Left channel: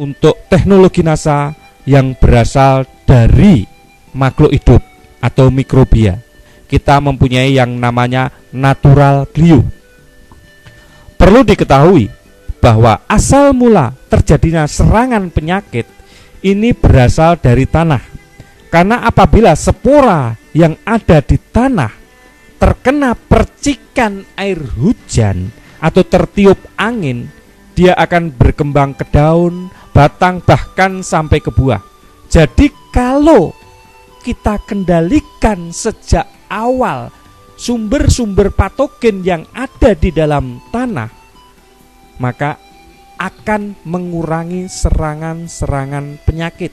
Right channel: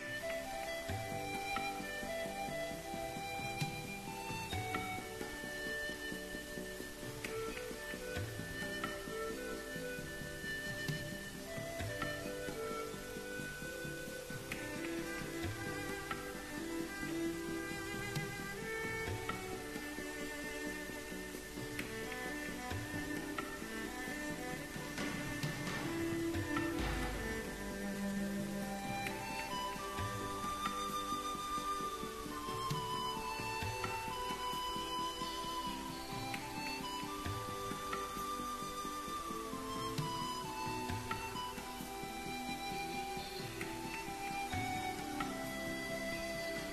untuk teknologi NASA yang berasal dari makhluk hidup atau mikrobia. Kita mempunyai yang namanya natural glue. Perlu diketahui bahwa asal mula terjadinya serangan penyakit ini berasal dari tanah. Karena apabila spora yang ada di tanah terkena percikan air hujan atau tertiup angin, dia akan berkembang ke daun, batang, bahkan sampai ke buah. Jadi kalau kita kendalikan sejak awal sumber-sumber patogen yang ada di dalam tanah, maka akan mengurangi serangan-serangan penyakit.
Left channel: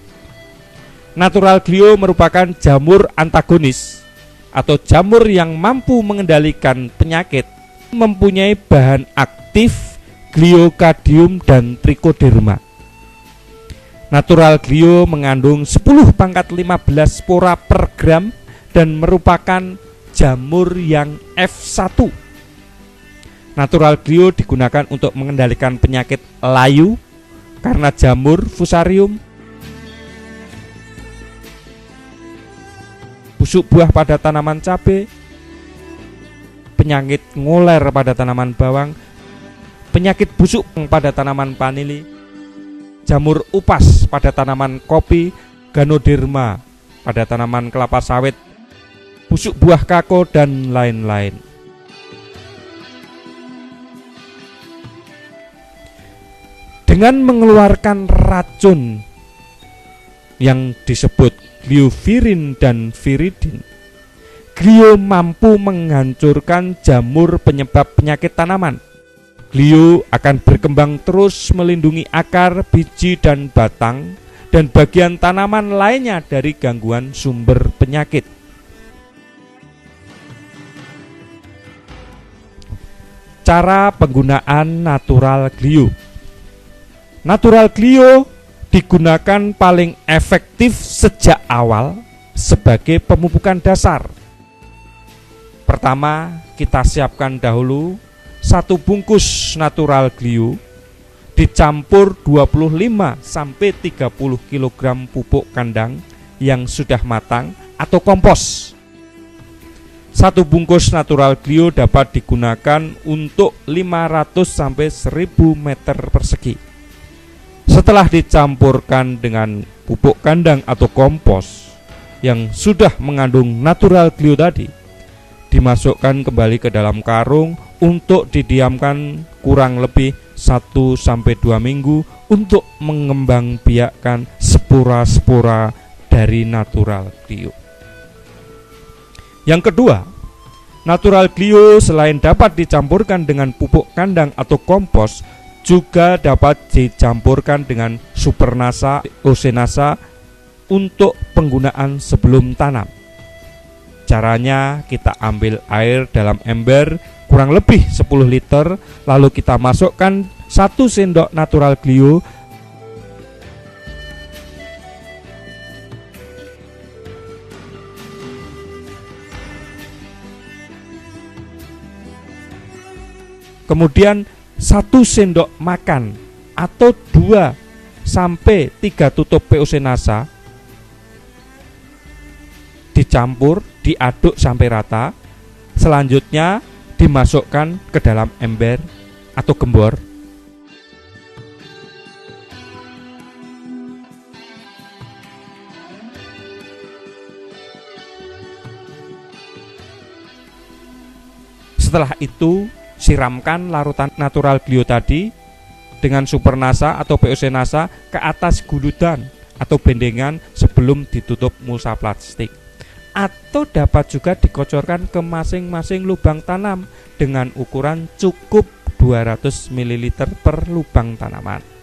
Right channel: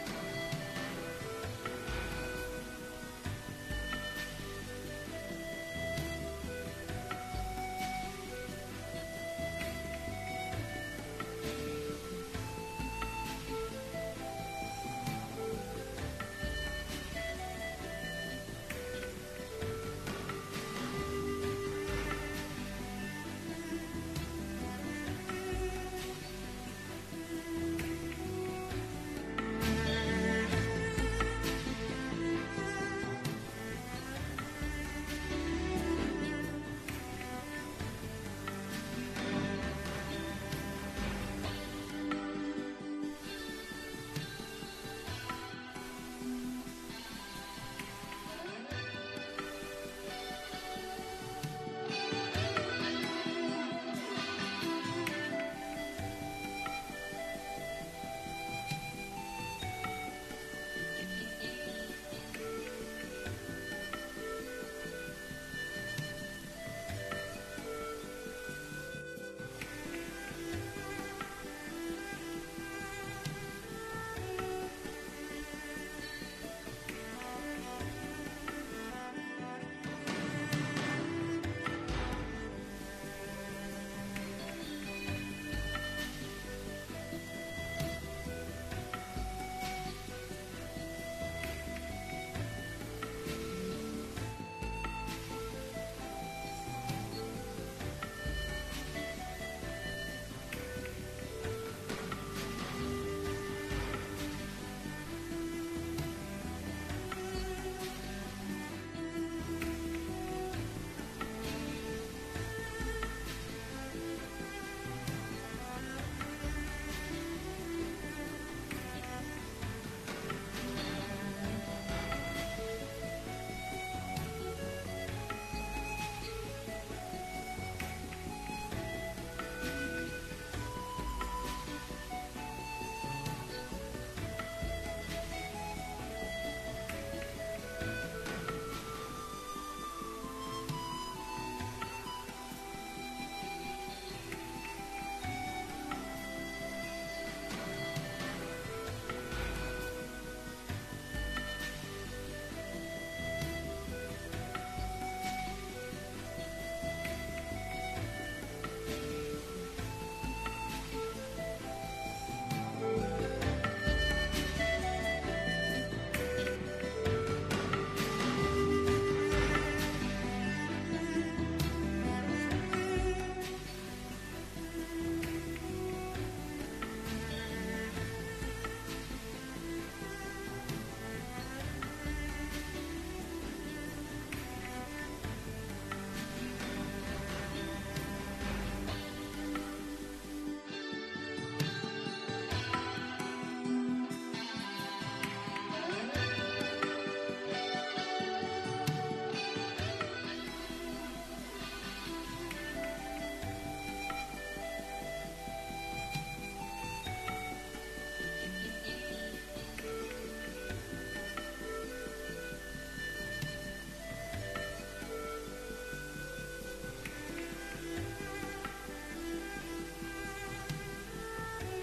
Natural glue merupakan jamur antagonis atau jamur yang mampu mengendalikan penyakit, mempunyai bahan aktif gliokadium dan trichoderma. Natural glue mengandung 10⁻15 spora per gram dan merupakan jamur yang F1. Natural glue digunakan untuk mengendalikan penyakit layu karena jamur fusarium, busuk buah pada tanaman cabai, penyakit ngoler pada tanaman bawang, penyakit busuk pada tanaman vanili, jamur upas pada tanaman kopi, ganoderma pada tanaman kelapa sawit, busuk buah kakao, dan lain-lain. Dengan mengeluarkan racun yang disebut gliovirin dan viridin, glio mampu menghancurkan jamur penyebab penyakit tanaman. Glio akan berkembang terus melindungi akar, biji, dan batang, dan bagian tanaman lainnya dari gangguan sumber penyakit. Cara penggunaan natural glue. Natural glue digunakan paling efektif sejak awal sebagai pemupukan dasar. Pertama, kita siapkan dahulu 1 bungkus natural glue dicampur 25-30 kg pupuk kandang yang sudah matang atau kompos. 1 bungkus natural glue dapat digunakan untuk 500-1000 meter persegi. Setelah dicampurkan dengan pupuk kandang atau kompos yang sudah mengandung natural glue tadi, dimasukkan kembali ke dalam karung untuk didiamkan kurang lebih 1-2 minggu untuk mengembangbiakkan spora-spora dari natural glue. Yang kedua, natural glue selain dapat dicampurkan dengan pupuk kandang atau kompos, juga dapat dicampurkan dengan supernasa, osenasa untuk penggunaan sebelum tanam. Caranya, kita ambil air dalam ember kurang lebih 10 liter, lalu kita masukkan 1 sendok natural glue, kemudian 1 sendok makan atau 2-3 tutup POC NASA dicampur, diaduk sampai rata. Selanjutnya dimasukkan ke dalam ember atau gembor. Setelah itu, siramkan larutan natural glue tadi dengan supernasa atau POC NASA ke atas guludan atau bendengan sebelum ditutup mulsa plastik, atau dapat juga dikocorkan ke masing-masing lubang tanam dengan ukuran cukup 200 ml per lubang tanaman.